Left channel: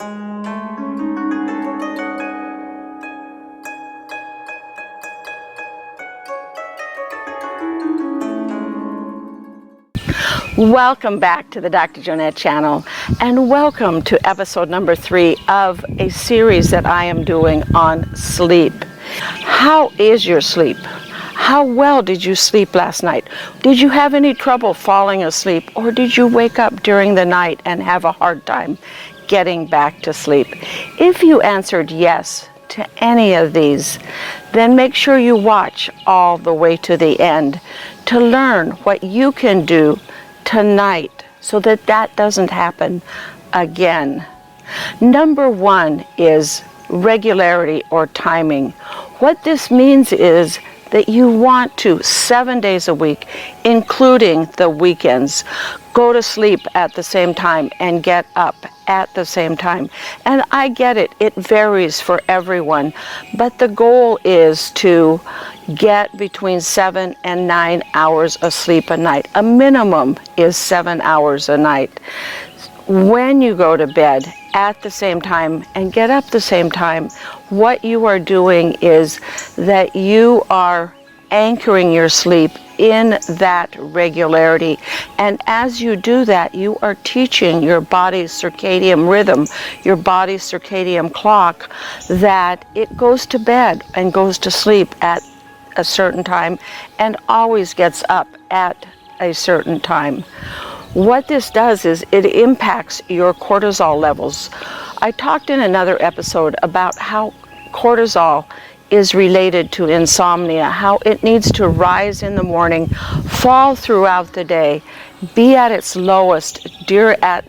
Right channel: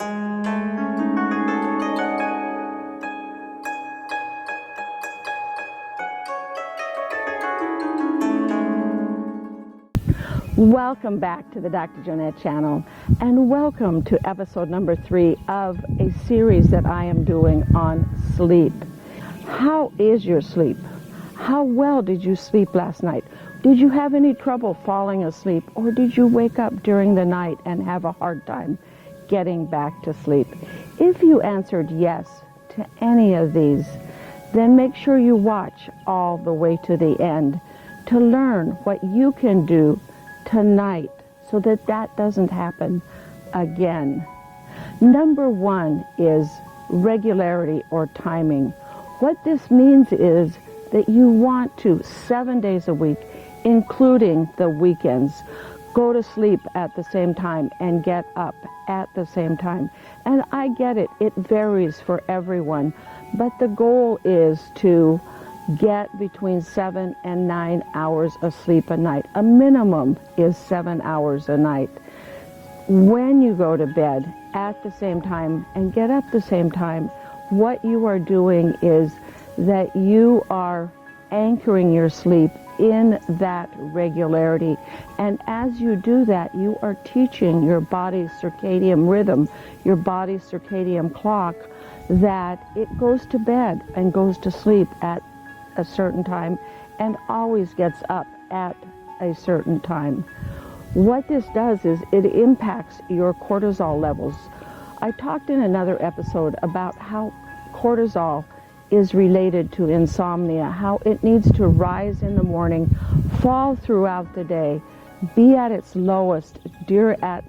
Welcome back to the Dr. Jonette channel, and welcome to episode number 3 of a series that I am doing on sleep. How is your sleep? How well did you sleep last night? Did you have any trouble falling asleep, or did you wake up during the night and have a hard time getting back to sleep? If you answered yes to any of these, then make sure you watch all the way to the end to learn what you can do tonight so that that doesn't happen again. Number 1 is regularity or timing. What this means is that you want to 7 days a week, including the weekends, go to sleep at the same time and get up at the same time. And I get it, it varies for everyone, but the goal is to get between 7 and 9 hours of sleep a night. A minimum is 7 hours a night. When you go to bed at the same time and get up the same time, what you are doing is that you are anchoring your sleep in that regularity. And as you do that, you are teaching your body's circadian rhythm, your body's circadian clock, that it goes to bed and goes to sleep at a certain time and always gets up at a certain time. What this does is it impacts your cortisol levels. I talked in another episode about how cortisol is related to insomnia, how it needs to rise in the morning, fall throughout the day, be at its lowest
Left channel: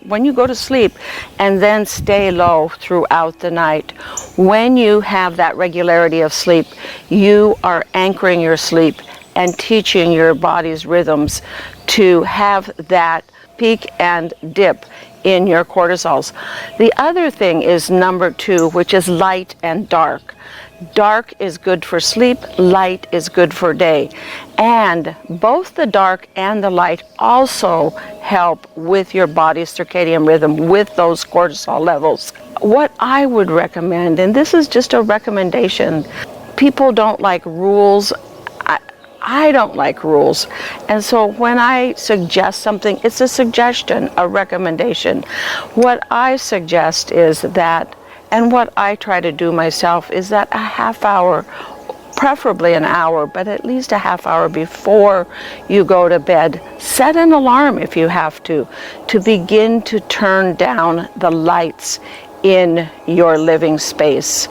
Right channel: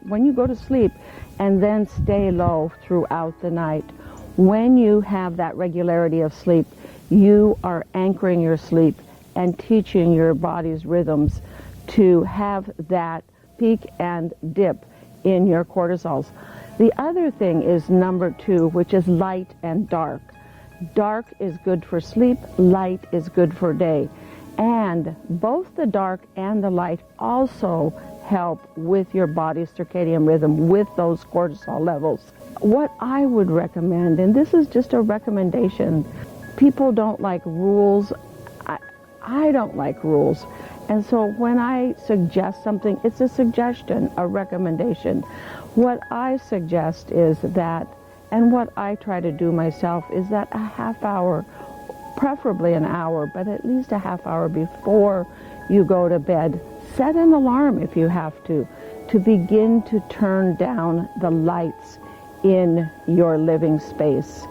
when you go to sleep, and then stay low throughout the night. When you have that regularity of sleep, you are anchoring your sleep and teaching your body's rhythms to have that peak and dip in your cortisols. The other thing is number 2, which is light and dark. Dark is good for sleep, light is good for day. And both the dark and the light also help with your body's circadian rhythm, with those cortisol levels. What I would recommend, and this is just a recommendation, people don't like rules. I don't like rules. And so when I suggest something, it's a suggestion, a recommendation. What I suggest is that, and what I try to do myself, is that a half hour, preferably an hour, but at least a half hour before you go to bed, set an alarm if you have to begin to turn down the lights in your living space.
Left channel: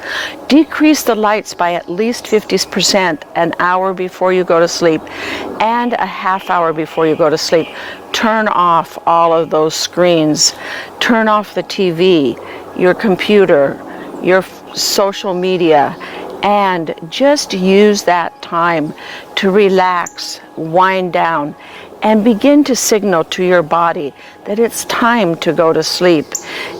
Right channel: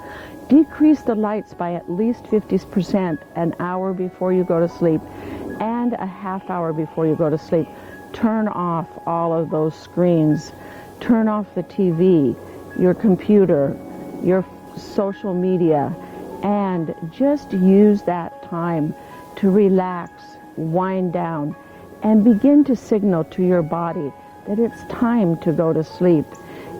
Decrease the lights by at least 50% an hour before you go to sleep and a half hour before you go to sleep. Turn off all of those screens. Turn off the TV, your computer, your social media, and just use that time to relax, wind down, and begin to signal to your body that it's time to go to sleep.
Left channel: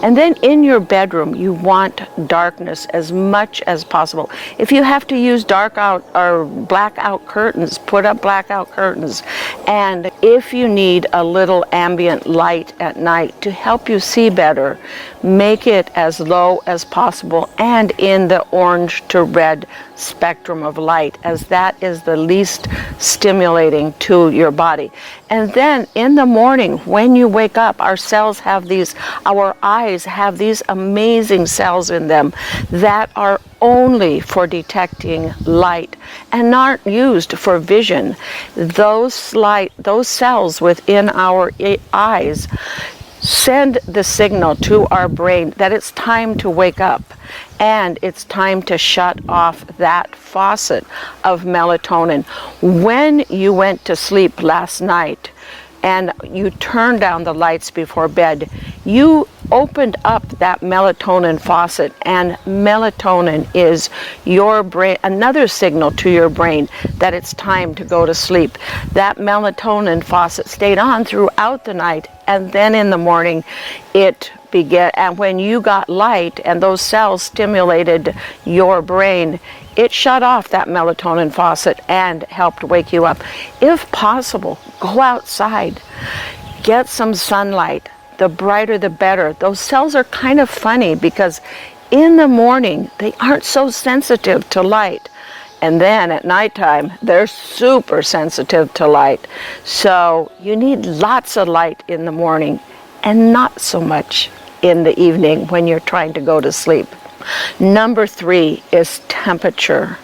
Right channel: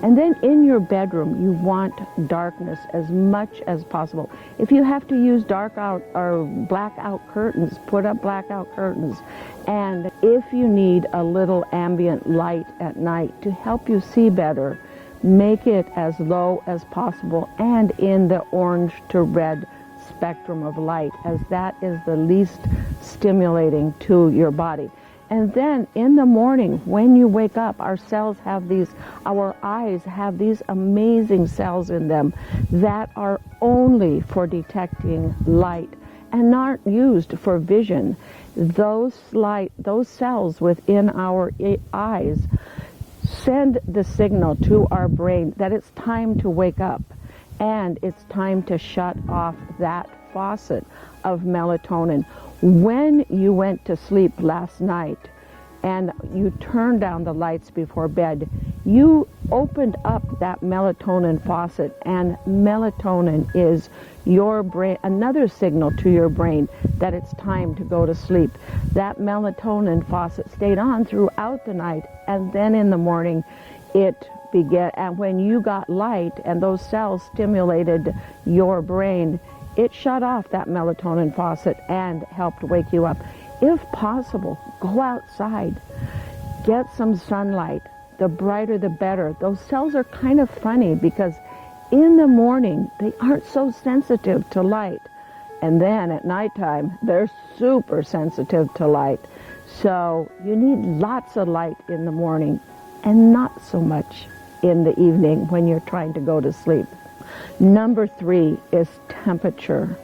And then in your bedroom, you want darkness as much as possible. If you have to use dark-out or blackout curtains, put up blackout curtains. And if you need a little ambient light at night to help you see better, make it as low as possible and in the orange to red spectrum of light, as that is the least stimulating to your body. And then in the morning, when you wake up, our eyes have these amazing cells in them that are only for detecting light and not used for vision. Those cells within our eyes send the signal to our brain that it's time to wake up and it's time to shut off that faucet of melatonin. When you went to sleep last night and you turned down the lights before bed, you opened up that melatonin faucet, and melatonin is your brain, another signal to your brain that it's time to go to sleep. That melatonin faucet stayed on throughout the night, and then in the morning it began, and when you got light and those cells stimulated your brain, it shut off that melatonin faucet and helped wake you up. If possible, go outside, get some sunlight, the brighter the better. Those cells are kind of funny because in the morning, they aren't so sensitive to light. And then at nighttime, they're super sensitive to light. So you need lots of light in the morning and not so much in the evening when you're trying to go to sleep. Number 3 is temperature.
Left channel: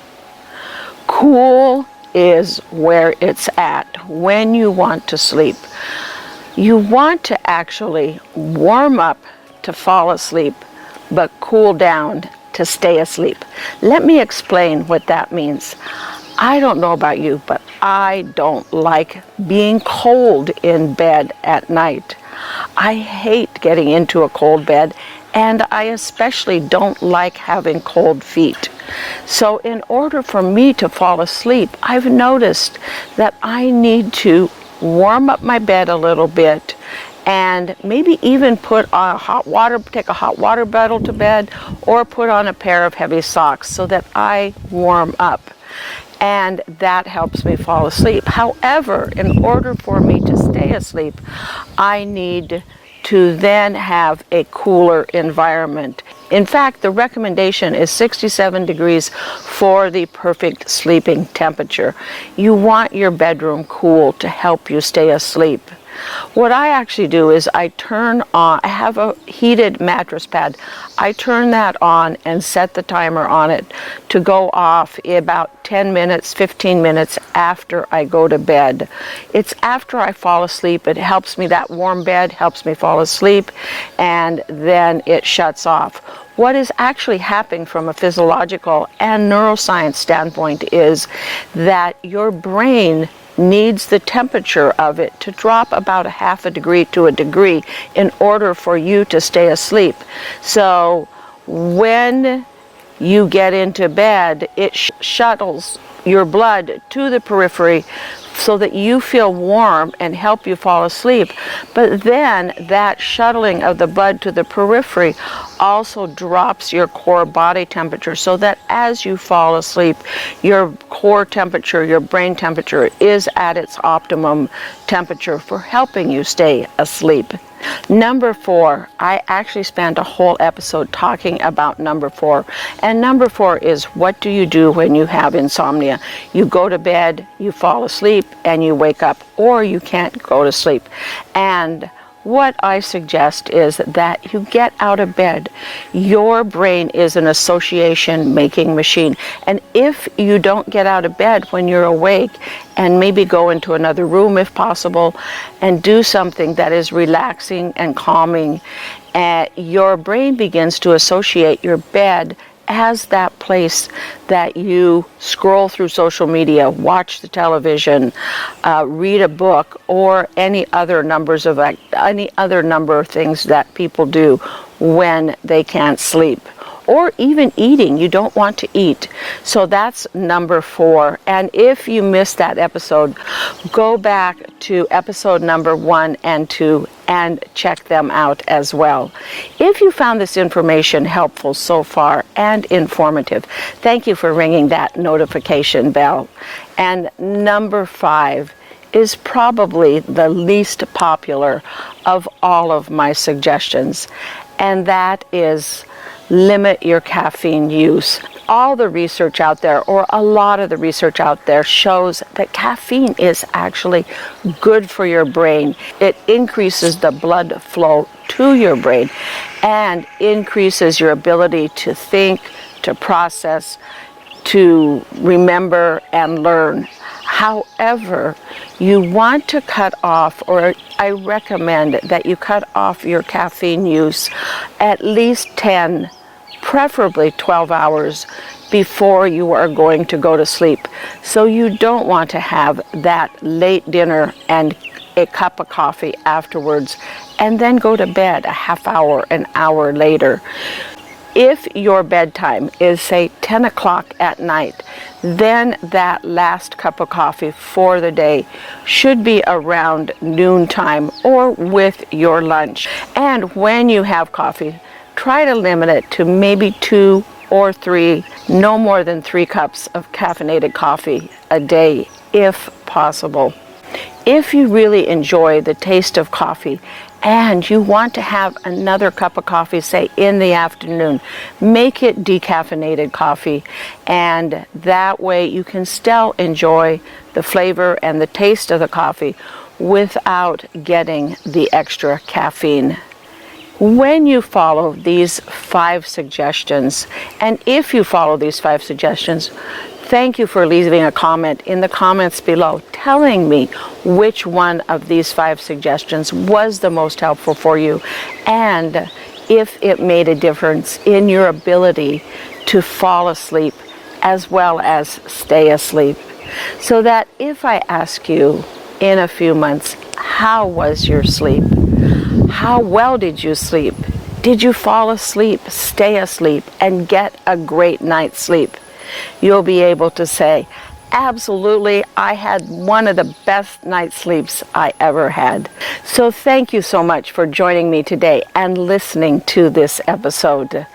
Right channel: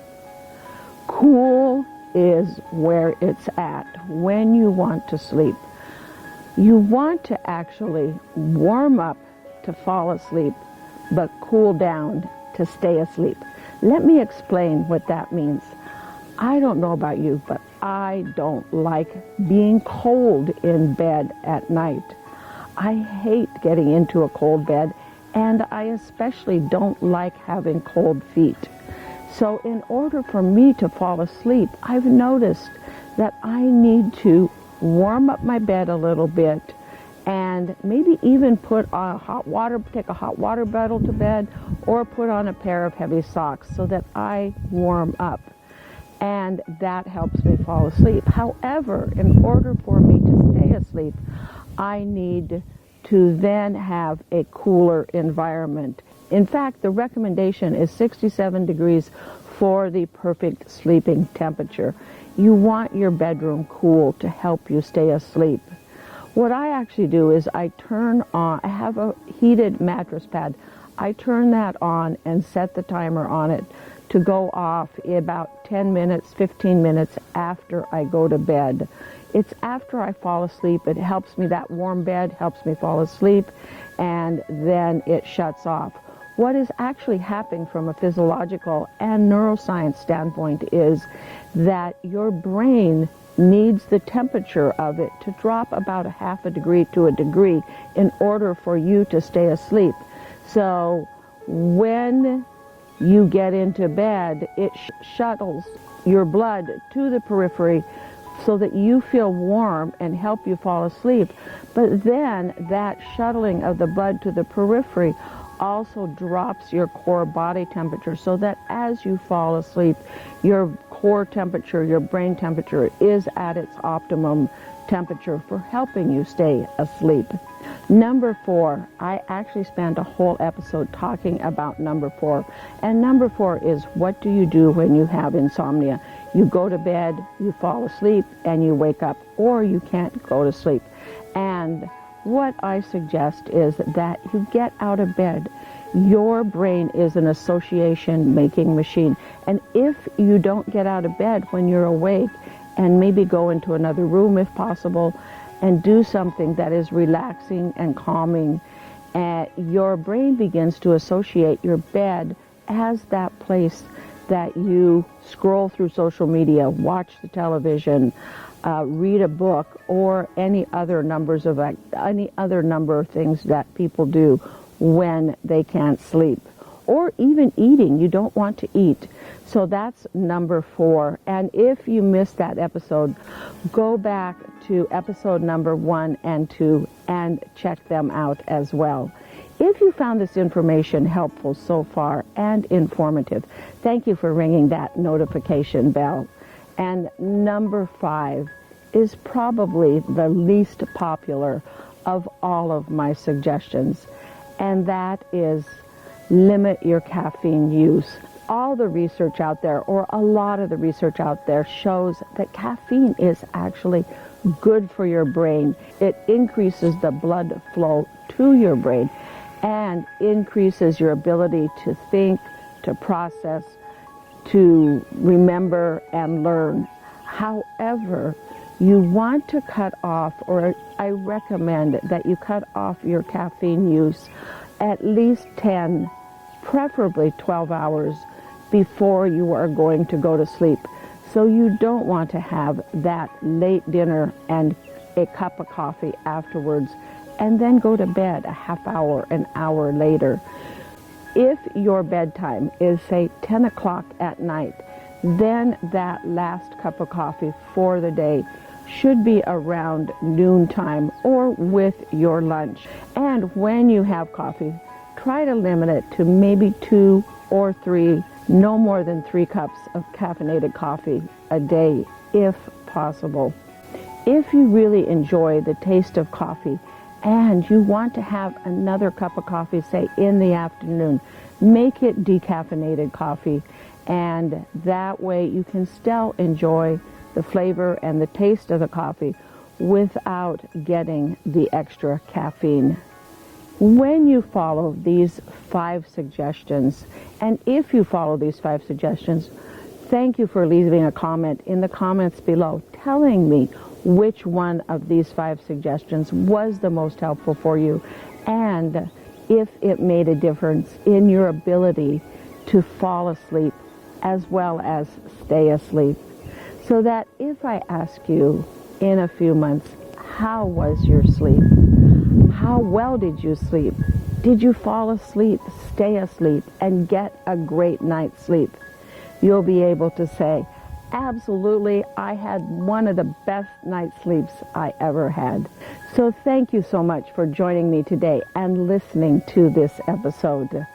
Cool is where it's at when you want to sleep. You want to actually warm up to fall asleep, but cool down to stay asleep. Let me explain what that means. I don't know about you, but I don't like being cold in bed at night. I hate getting into a cold bed, and I especially don't like having cold feet. So in order for me to fall asleep, I've noticed that I need to warm up my bed a little bit and maybe even put on take a hot water bottle to bed, or put on a pair of heavy socks so that I warm up. And that helps me fall asleep. However, in order for me to stay asleep, I need to then have a cooler environment. In fact, the recommendation is 67 degrees for the perfect sleeping temperature. You want your bedroom cool to help you stay asleep. What I actually do is I have a heated mattress pad. I turn that on and set the timer on it to go off about 10 minutes, 15 minutes after I go to bed. It's after I fall asleep. It helps me, that warm bed helps me fall asleep, and then it shuts off. What is actually happening from a physiological and neuroscience standpoint is that your brain needs the temperature of it to drop about a half a degree to a degree in order for you to stay asleep. So when you get into bed, it shuttles your blood to the periphery so that you feel warm and help you fall asleep. But then that shuttling of the blood to the periphery also drops your core body temperature so that as you fall asleep, your core temperature, your brain temperature is at its optimum temperature for helping you stay asleep. Number 4, I actually spent a whole episode talking about number 4. And number 4 is, what do you do when you have insomnia? You go to bed, you fall asleep, and you wake up, or you can't go to sleep. And what I suggest is that you get out of bed. Your brain is an association-making machine. And if you don't get out of bed when you're awake, and maybe go into another room if possible, and do something that is relaxing and calming, your brain begins to associate your bed as that place that you scroll through social media, watch the television, read a book, or any other number of things that people do when they can't sleep. Or even eating, you don't want to eat. So that's number 4. And if you missed that episode, go back to episode number 1 and 2 and check them out as well. If you found this information helpful so far and informative, thank you for ringing that notification bell. And number 5 is probably the least popular of all of my suggestions, and that is limit your caffeine use. All the research out there, or a lot of the research out there, shows that caffeine is actually good for your brain. It increases the blood flow to your brain and increases your ability to think, to process, to remember and learn. However, you want to cut off, or I recommend that you cut off your caffeine use at least 10, preferably 12 hours before you are going to go to sleep. So you don't want to have that late dinner and a cup of coffee afterwards and then go to bed a half hour, an hour later. If your bedtime is, say, 10 o'clock at night, then that last cup of coffee for the day should be around noontime or with your lunch. And when you have coffee, try to limit it to maybe 2 or 3, no more than 3 cups of caffeinated coffee a day, if possible. If you really enjoy the taste of coffee and you want to have another cup of coffee, say in the afternoon, make it decaffeinated coffee, and that way you can still enjoy the flavor and the taste of the coffee without getting the extra caffeine. When you follow these 5 suggestions, and if you follow these 5 suggestions, thank you for leaving a comment in the comments below telling me which one of these 5 suggestions was the most helpful for you and if it made a difference in your ability to fall asleep as well as stay asleep. So that if I ask you in a few months, how was your sleep? How well did you sleep? Did you fall asleep, stay asleep, and get a great night's sleep? You'll be able to say, absolutely, I had one of the best night's sleeps I ever had. So thank you so much for joining me today and listening to this episode.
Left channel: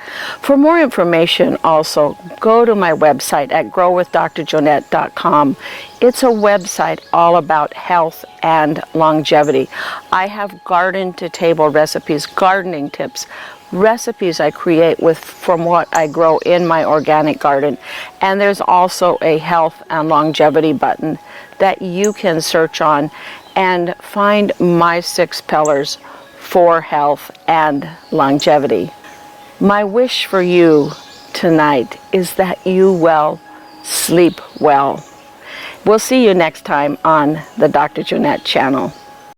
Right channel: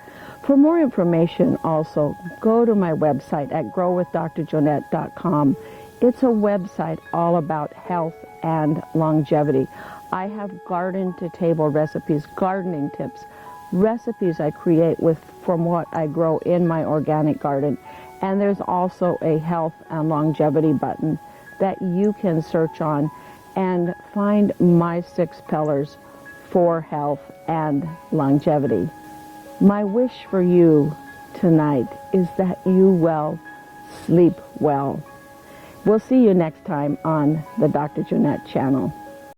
For more information also, go to my website at growwithdrjonette.com. It's a website all about health and longevity. I have garden-to-table recipes, gardening tips, recipes I create from what I grow in my organic garden. And there's also a health and longevity button that you can search on and find my 6 pillars for health and longevity. My wish for you tonight is that you will sleep well. We'll see you next time on the Dr. Jonette channel.